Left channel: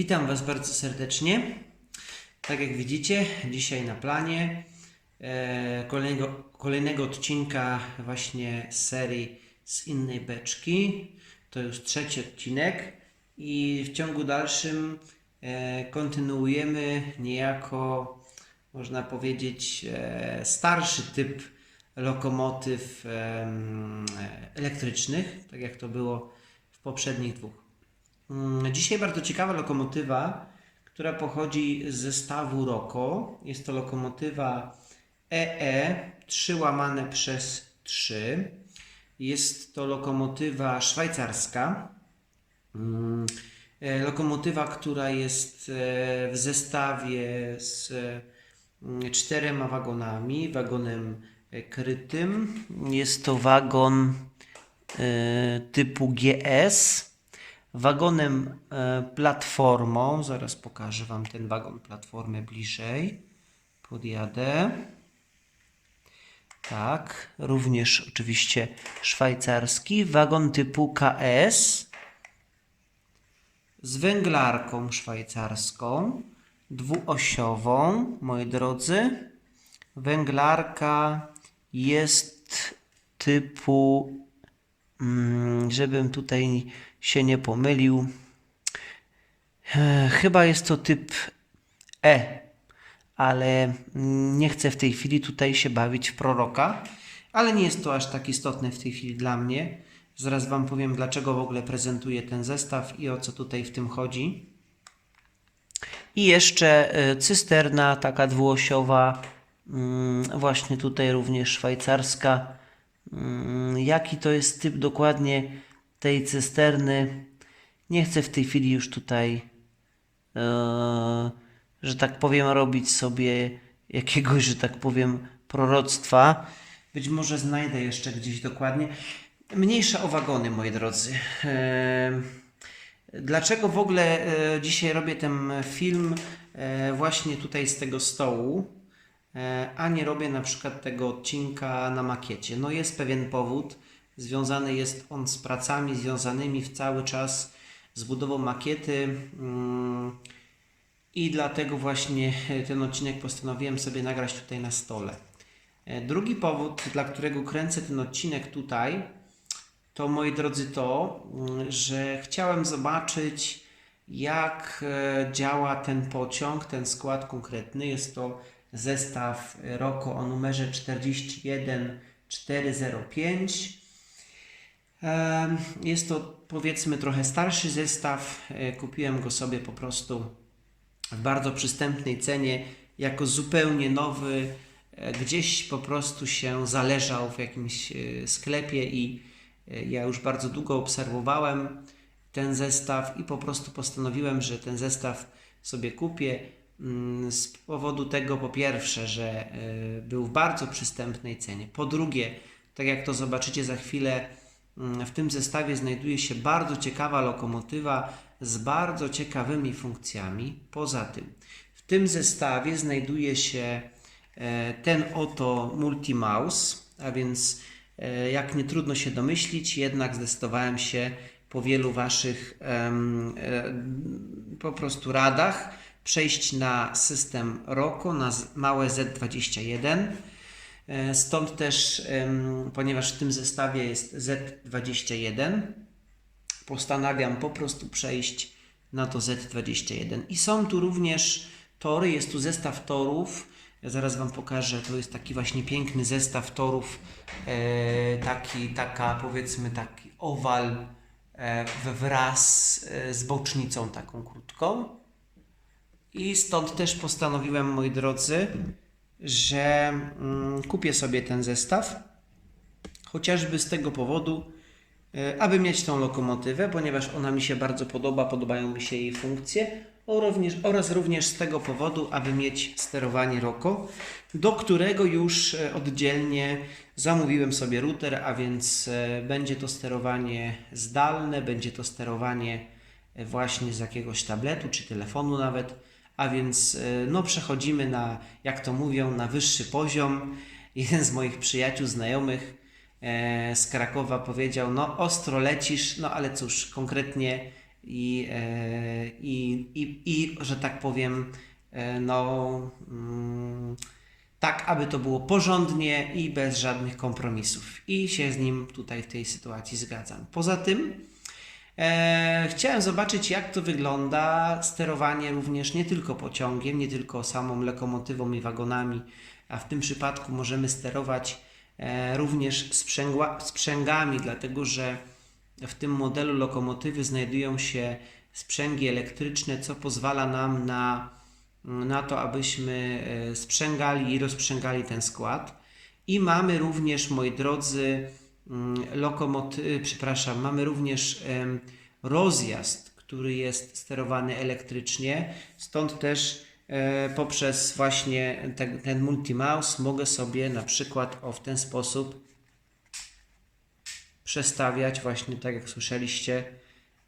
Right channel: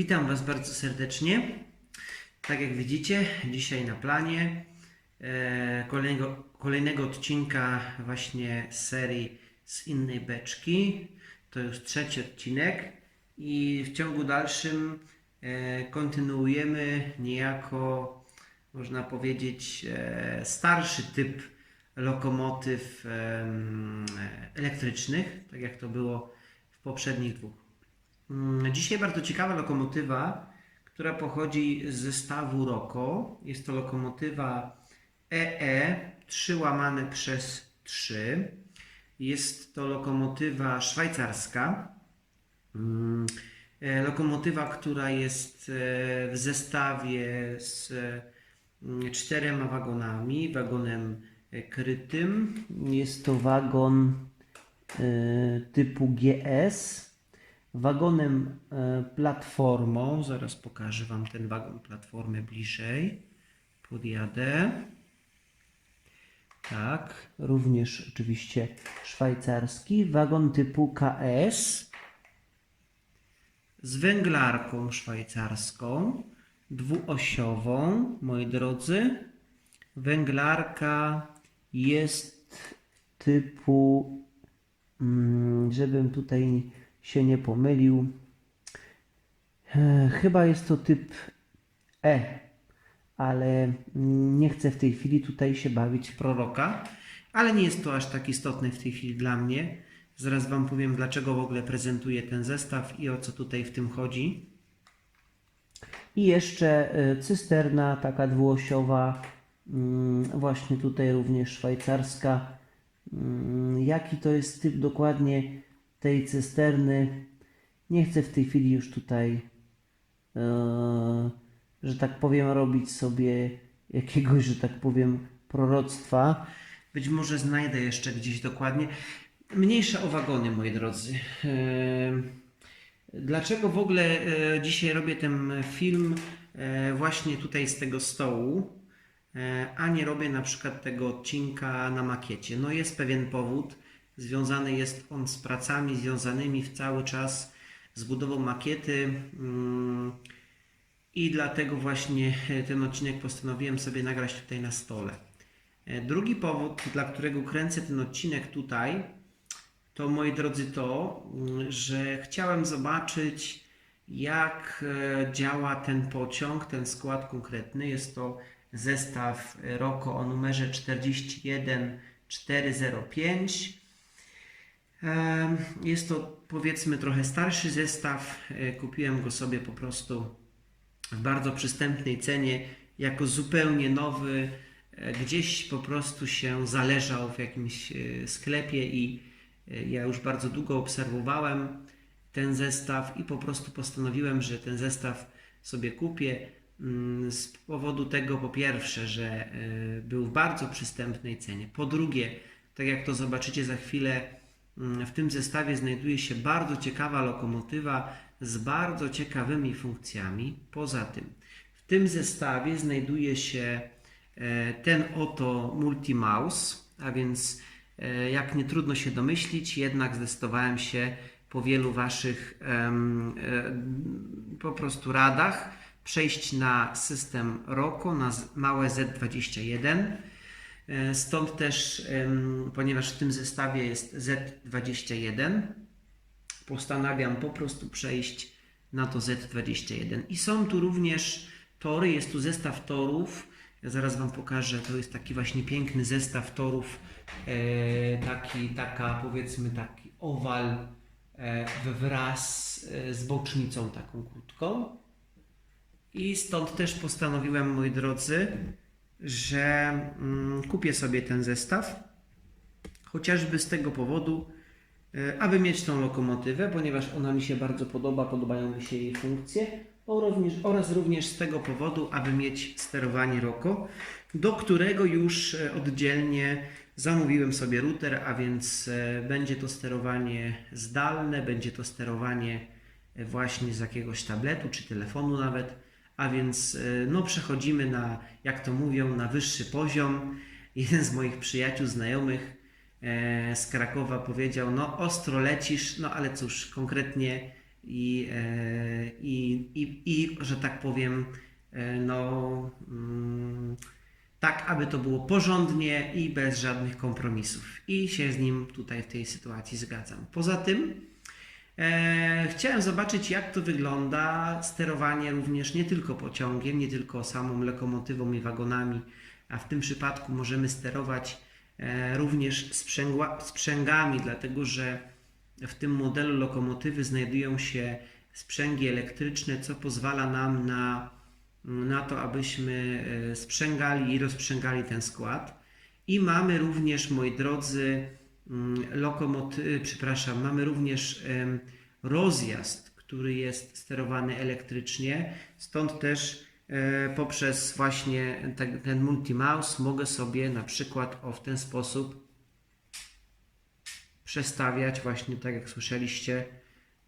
Witam Was bardzo serdecznie. Tak jak widzicie, dzisiaj na planie e, kolejnego, kolejnego odcinka właśnie serii z innej beczki. To już trzeci odcinek i w ciągu dalszym e, kontynuujemy niejako, można powiedzieć, e, starszy typ lokomotyw elektrycznych, tak jak to było w poprzednich dwóch. Mm, Dzisiaj bardzo ciekawa lokomotywa, która pochodzi z zestawu ROKO. Jest to lokomotywa EE 3 łamane przez 3. Jest to lokomotywa szwajcarska. Mm, e, Lokomotywa, która jest e, w zestawie z mm, czterema wagonami, wagonem e, krytym. Jest to wagon e, typu GS wagonem e, platformą. Zaraz pokażę Wam ten wagon platformy bliżej. Podjadę. Tak, również oczywiście szwajcarski. Wagon typu KS z węglarką szwajcarską, dwuosiową, moi drodzy. Węglarka jest typu, mm, żebym tutaj się nie pomylił, e, chyba jest to typ E, ale nie chcę w tej chwili tutaj się bawić w proroka, ale nie jest to aż tak istotne w tej chwili dla mnie. Zaraz Wam powiem, dlaczego w ogóle prezentuję ten zestaw i o co tutaj w tym chodzi. I jeszcze e, cysterna, taka dwuosiowa, mm, właśnie tutaj również szwajcarska. Mm, Jaki to jest typ dokładnie tej cysterny? Nie chcę w tej chwili już tutaj, e, że tak powiem, robić sobie jakiegoś, że tak powiem, proroctwa. Być może znajdę jeszcze gdzieś dokładnie. Mniejsza o wagony, moi drodzy. E, Dlaczego w ogóle e, dzisiaj robię ten film właśnie tutaj z tego stołu, a nie robię na przykład tego odcinka na makiecie? No jest pewien powód, związany jest on z pracami związanymi w cały czas z budową makiety mm, i dlatego właśnie e, ten odcinek postanowiłem sobie nagrać tutaj na stole. E, Drugi powód, dla którego kręcę ten odcinek tutaj, to moi drodzy to, mm, że chciałem zobaczyć, jak e, działa ten pociąg, ten skład konkretny. Jest to zestaw ROKO o numerze 41405. Jest to powiedzmy trochę starszy zestaw. E, Kupiłem go sobie po prostu w bardzo przystępnej cenie, jako zupełnie nowy. E, Gdzieś po prostu się zależał w jakimś e, sklepie i ja już bardzo długo obserwowałem ten zestaw i po prostu postanowiłem, że ten zestaw sobie kupię mm, z powodu tego po pierwsze, że był w bardzo przystępnej cenie. Po drugie, tak jak to zobaczycie za chwilę, w tym zestawie znajduje się bardzo ciekawa lokomotywa z bardzo ciekawymi funkcjami. Poza tym, w tym zestawie znajduje się e, ten oto multi-mouse, a więc e, jak nie trudno się domyślić, jednak zdecydowałem się po wielu Waszych e, po prostu radach przejść na system ROKO, na małe Z21. E, Stąd też, ponieważ w tym zestawie jest Z21, postanawiam po prostu przejść na to Z21. I są tu również tory, jest tu zestaw torów. Ja zaraz Wam pokażę, to jest taki właśnie piękny zestaw torów, e, taki, taka powiedzmy taki owal e, wraz z bocznicą taką krótką. I stąd też postanowiłem, moi drodzy, że mm, kupię sobie ten zestaw. Chociażby z tego powodu, e, aby mieć tą lokomotywę, ponieważ ona mi się bardzo podoba, podobają mi się jej funkcje, oraz również z tego powodu, aby mieć sterowanie ROKO, do którego już e, oddzielnie zamówiłem sobie router, a więc e, będzie to sterowanie zdalne, będzie to sterowanie właśnie z jakiegoś tabletu czy telefonu nawet, a więc e, no przechodzimy na, jak to mówią, na wyższy poziom. Jeden z moich przyjaciół, znajomych e, z Krakowa powiedział, no ostro lecisz, no ale cóż, konkretnie i, e, i, i, i że tak powiem, e, no, mm, tak, aby to było porządnie i bez żadnych kompromisów. I się z nim tutaj w tej sytuacji zgadzam. Poza tym, e, chciałem zobaczyć, jak to wygląda sterowanie również nie tylko pociągiem, nie tylko samą lokomotywą i wagonami, a w tym przypadku możemy sterować e, również sprzęgła, sprzęgami, dlatego że w tym modelu lokomotywy znajdują się sprzęgi elektryczne, co pozwala nam na, na to, abyśmy e, sprzęgali i rozprzęgali ten skład. I mamy również, moi drodzy, lokomoty, przepraszam, mamy również rozjazd, który jest sterowany elektrycznie. Stąd też e, poprzez właśnie ten, ten multimouse mogę sobie na przykład o w ten sposób przestawiać właśnie tak jak słyszeliście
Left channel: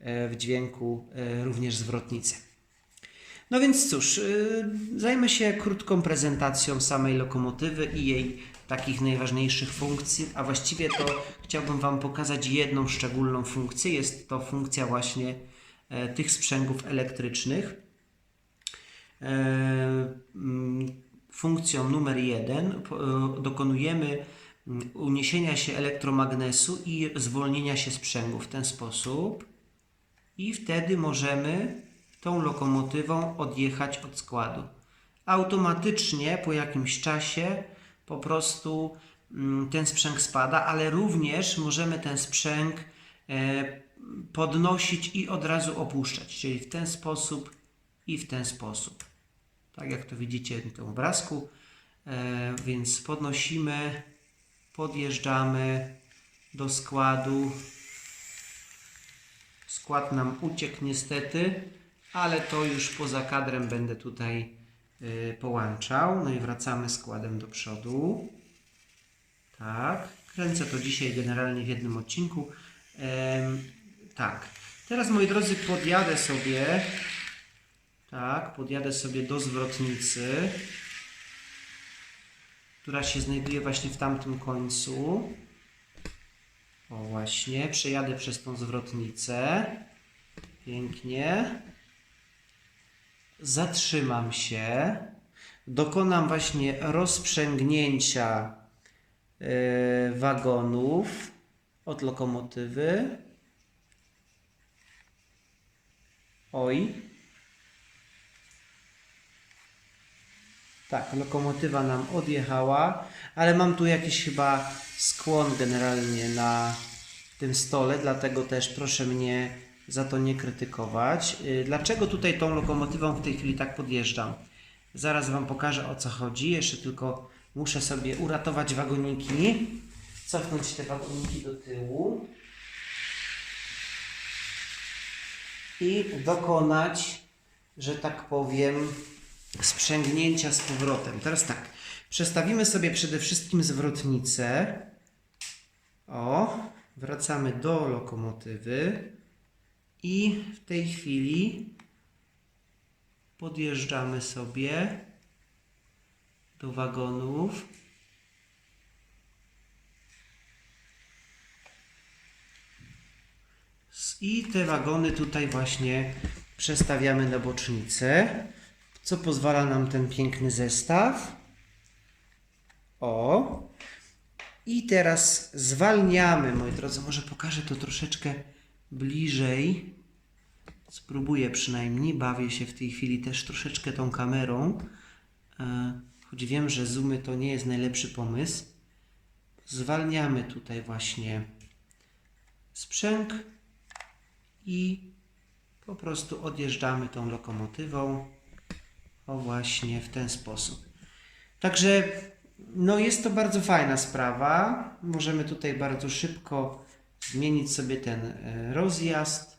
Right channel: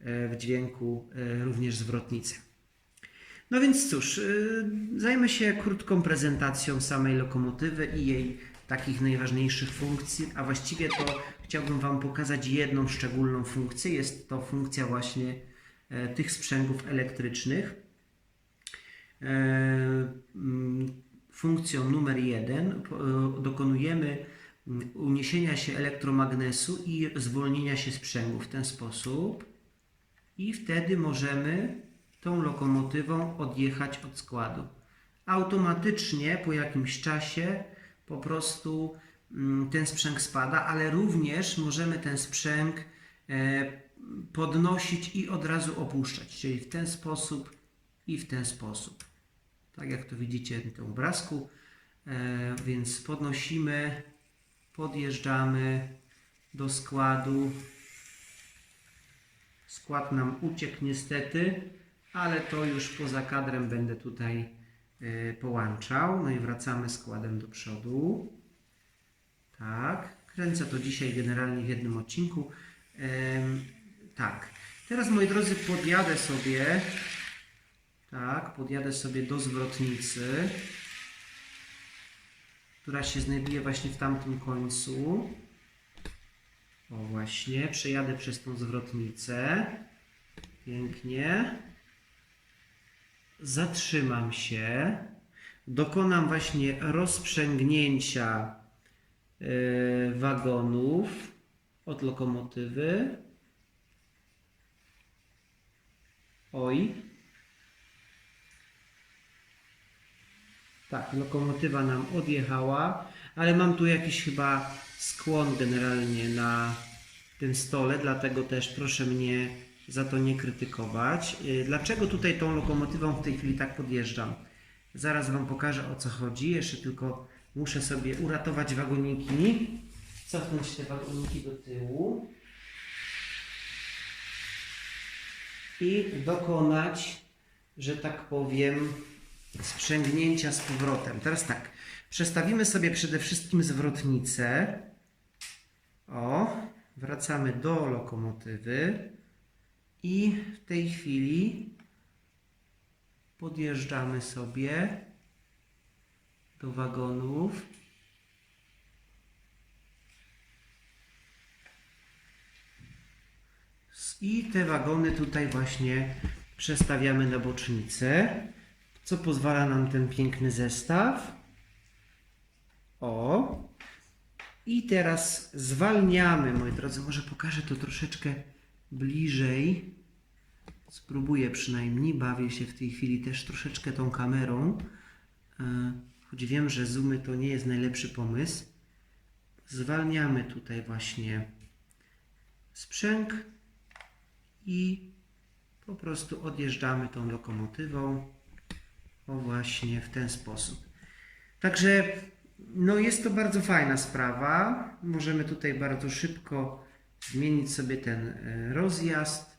e, w dźwięku e, również zwrotnicę. No więc cóż, e, zajmę się krótką prezentacją samej lokomotywy i jej takich najważniejszych funkcji, a właściwie to chciałbym Wam pokazać jedną szczególną funkcję. Jest to funkcja właśnie e, tych sprzęgów elektrycznych. E, mm, Funkcją numer jeden e, dokonujemy mm, uniesienia się elektromagnesu i zwolnienia się sprzęgu w ten sposób i wtedy możemy tą lokomotywą odjechać od składu. Automatycznie po jakimś czasie po prostu mm, ten sprzęg spada, ale również możemy ten sprzęg e, podnosić i od razu opuszczać, czyli w ten sposób i w ten sposób. Tak jak to widzicie w tym obrazku. E, więc podnosimy, podjeżdżamy do składu. Skład nam uciekł niestety, ale to już poza kadrem będę tutaj połączał. No i wracamy składem do przodu. Tak, kręcę to dzisiaj generalnie w jednym odcinku. Tak, teraz moi drodzy podjadę sobie, tak, podjadę sobie do zwrotnicy, która się znajduje właśnie w tamtym końcu. O właśnie, przejadę przez tą zwrotnicę. Pięknie. Zatrzymam się. Dokonam właśnie rozprzęgnięcia yy, wagonów od lokomotywy. Oj. Tak, lokomotywa nam odjechała, ale mam tu jakiś chyba skłon generalnie na tym stole, dlatego też proszę mnie za to nie krytykować. Yy, Dlaczego tutaj tą lokomotywą w tej chwili tak podjeżdżam? Zaraz Wam pokażę o co chodzi. Jeszcze tylko muszę sobie uratować wagoniki, cofnąć te wagoniki do tyłu i dokonać, że tak powiem, sprzęgnięcia z powrotem. Teraz tak, przestawimy sobie przede wszystkim zwrotnicę. O, wracamy do lokomotywy i w tej chwili podjeżdżamy sobie do wagonów. I te wagony tutaj właśnie przestawiamy na bocznicę, co pozwala nam ten piękny zestaw. O. I teraz zwalniamy, moi drodzy. Może pokażę to troszeczkę bliżej. Spróbuję przynajmniej. Bawię się w tej chwili też troszeczkę tą kamerą. E, Choć wiem, że zoomy to nie jest najlepszy pomysł. Zwalniamy tutaj właśnie sprzęg i po prostu odjeżdżamy tą lokomotywą. O właśnie w ten sposób. Także no jest to bardzo fajna sprawa. Możemy tutaj bardzo szybko zmienić sobie ten e, rozjazd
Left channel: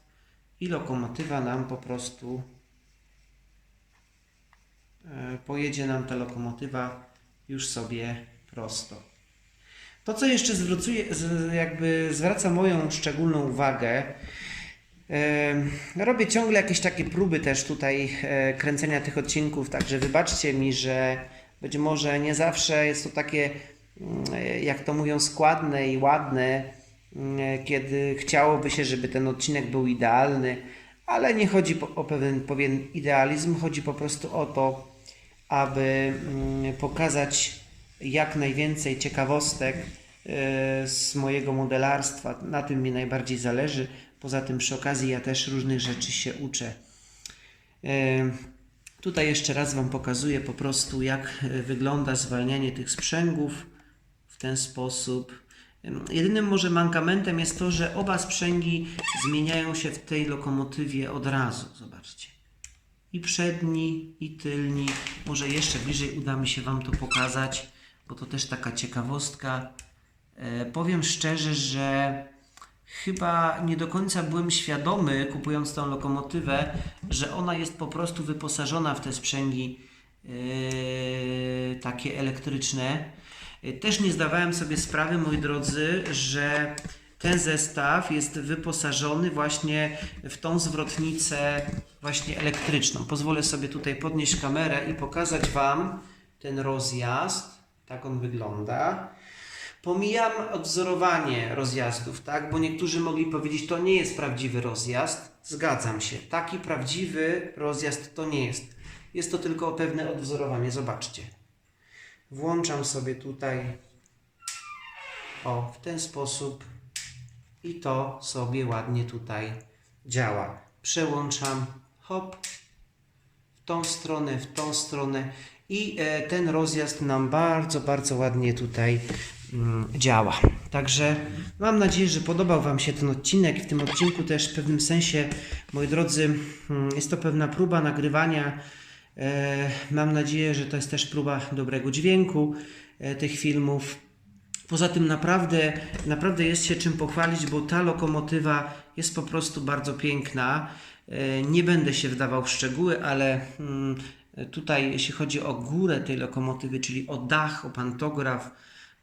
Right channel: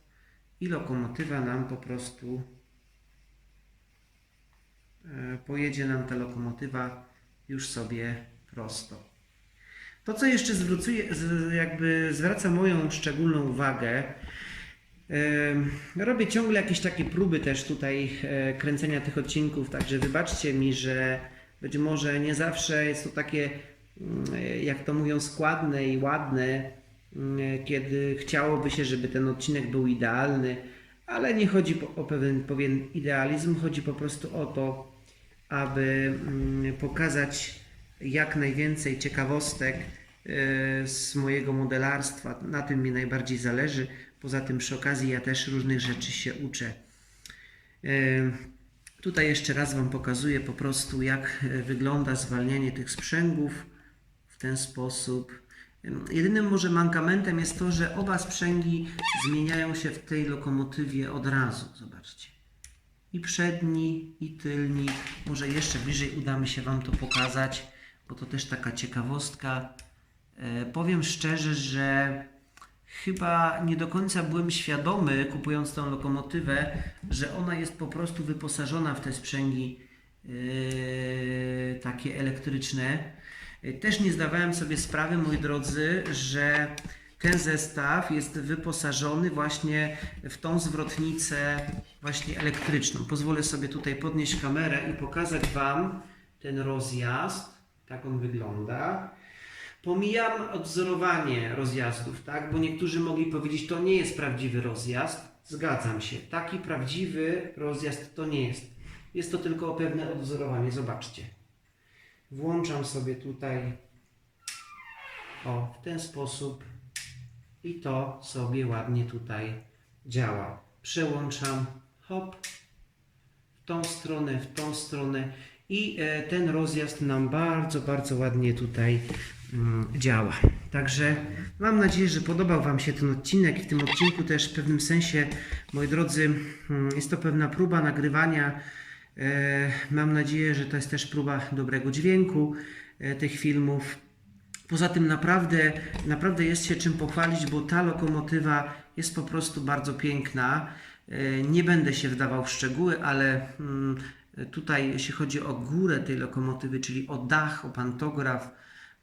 i lokomotywa nam po prostu e, pojedzie nam ta lokomotywa już sobie prosto. To, co jeszcze zwrócuje, jakby zwraca moją szczególną uwagę, robię ciągle jakieś takie próby też tutaj e, kręcenia tych odcinków, także wybaczcie mi, że być może nie zawsze jest to takie, mm, jak to mówią, składne i ładne, kiedy chciałoby się, żeby ten odcinek był idealny, ale nie chodzi o pewien, pewien idealizm, chodzi po prostu o to, aby mm, pokazać jak najwięcej ciekawostek e, z mojego modelarstwa. Na tym mi najbardziej zależy. Poza tym przy okazji ja też różnych rzeczy się uczę. E, Tutaj jeszcze raz Wam pokazuję po prostu jak e, wygląda zwalnianie tych sprzęgów w ten sposób. Ym, Jedynym może mankamentem jest to, że oba sprzęgi zmieniają się w tej lokomotywie od razu. Zobaczcie. I przedni, i tylni. Może jeszcze bliżej uda mi się Wam to pokazać, bo to też taka ciekawostka. E, powiem szczerze, że chyba nie do końca byłem świadomy, kupując tą lokomotywę, że ona jest po prostu wyposażona w te sprzęgi e, takie elektryczne. Też nie zdawałem sobie sprawy, moi drodzy, że ten zestaw jest wyposażony właśnie w tą zwrotnicę właśnie elektryczną. Pozwolę sobie tutaj podnieść kamerę i pokazać Wam ten rozjazd. Tak on wygląda. Pomijam odwzorowanie rozjazdów, tak? Bo niektórzy mogli powiedzieć, to nie jest prawdziwy rozjazd. Zgadzam się. Taki prawdziwy rozjazd to nie jest. Jest to tylko pewne odwzorowanie. Zobaczcie. Włączam sobie tutaj o w ten sposób i to sobie ładnie tutaj działa. Przełączam hop w tą stronę, w tą stronę i e, ten rozjazd nam bardzo, bardzo ładnie tutaj mm, działa. Także mam nadzieję, że podobał Wam się ten odcinek. W tym odcinku też w pewnym sensie, moi drodzy, mm, jest to pewna próba nagrywania. E, mam nadzieję, że to jest też próba dobrego dźwięku e, tych filmów. Poza tym naprawdę, naprawdę jest się czym pochwalić, bo ta lokomotywa jest po prostu bardzo piękna. E, Nie będę się wdawał w szczegóły, ale mm, tutaj jeśli chodzi o górę tej lokomotywy, czyli o dach, o pantograf,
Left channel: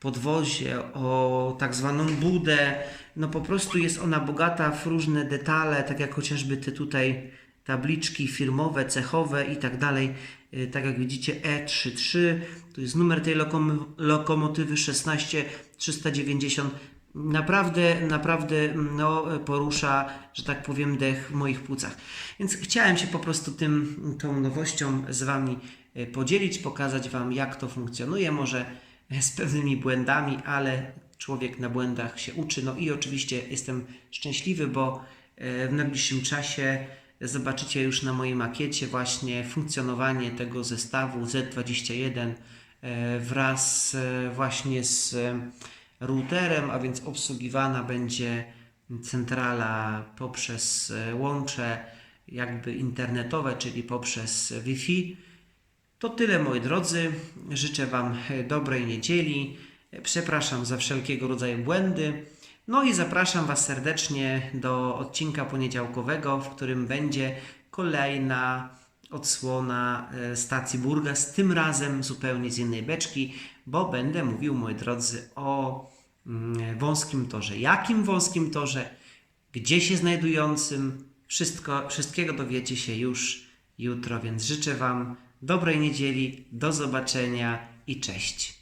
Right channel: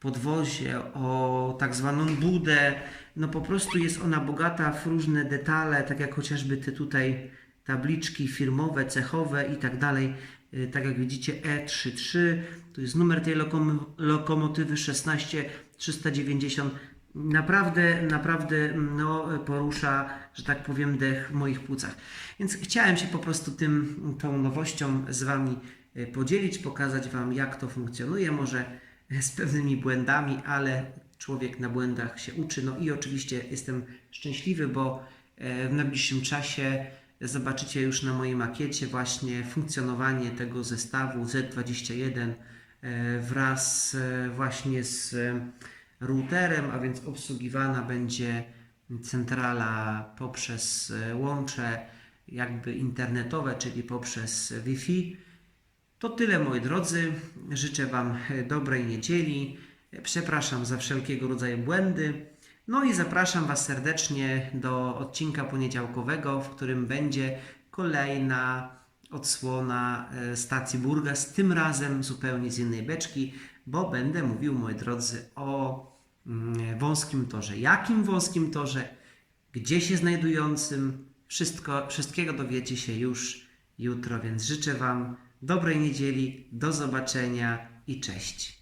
podwozie, o tak zwaną budę, no po prostu jest ona bogata w różne detale, tak jak chociażby te tutaj tabliczki firmowe, cechowe i tak dalej. Y, Tak jak widzicie E33, to jest numer tej lokom- lokomotywy 16390. Naprawdę, naprawdę no, porusza, że tak powiem, dech w moich płucach. Więc chciałem się po prostu tym, tą nowością z Wami y, podzielić, pokazać Wam, jak to funkcjonuje. Może z pewnymi błędami, ale człowiek na błędach się uczy. No i oczywiście jestem szczęśliwy, bo e, w najbliższym czasie zobaczycie już na mojej makiecie właśnie funkcjonowanie tego zestawu Z21 e, wraz e, właśnie z e, routerem, a więc obsługiwana będzie centrala poprzez łącze jakby internetowe, czyli poprzez Wi-Fi. To tyle moi drodzy. Życzę Wam dobrej niedzieli. Przepraszam za wszelkiego rodzaju błędy. No i zapraszam Was serdecznie do odcinka poniedziałkowego, w którym będzie kolejna odsłona e, stacji Burgas, tym razem zupełnie z innej beczki, bo będę mówił, moi drodzy, o mm, wąskim torze. Jakim wąskim torze, gdzie się znajdującym, wszystko, wszystkiego dowiecie się już jutro, więc życzę Wam dobrej niedzieli, do zobaczenia i cześć.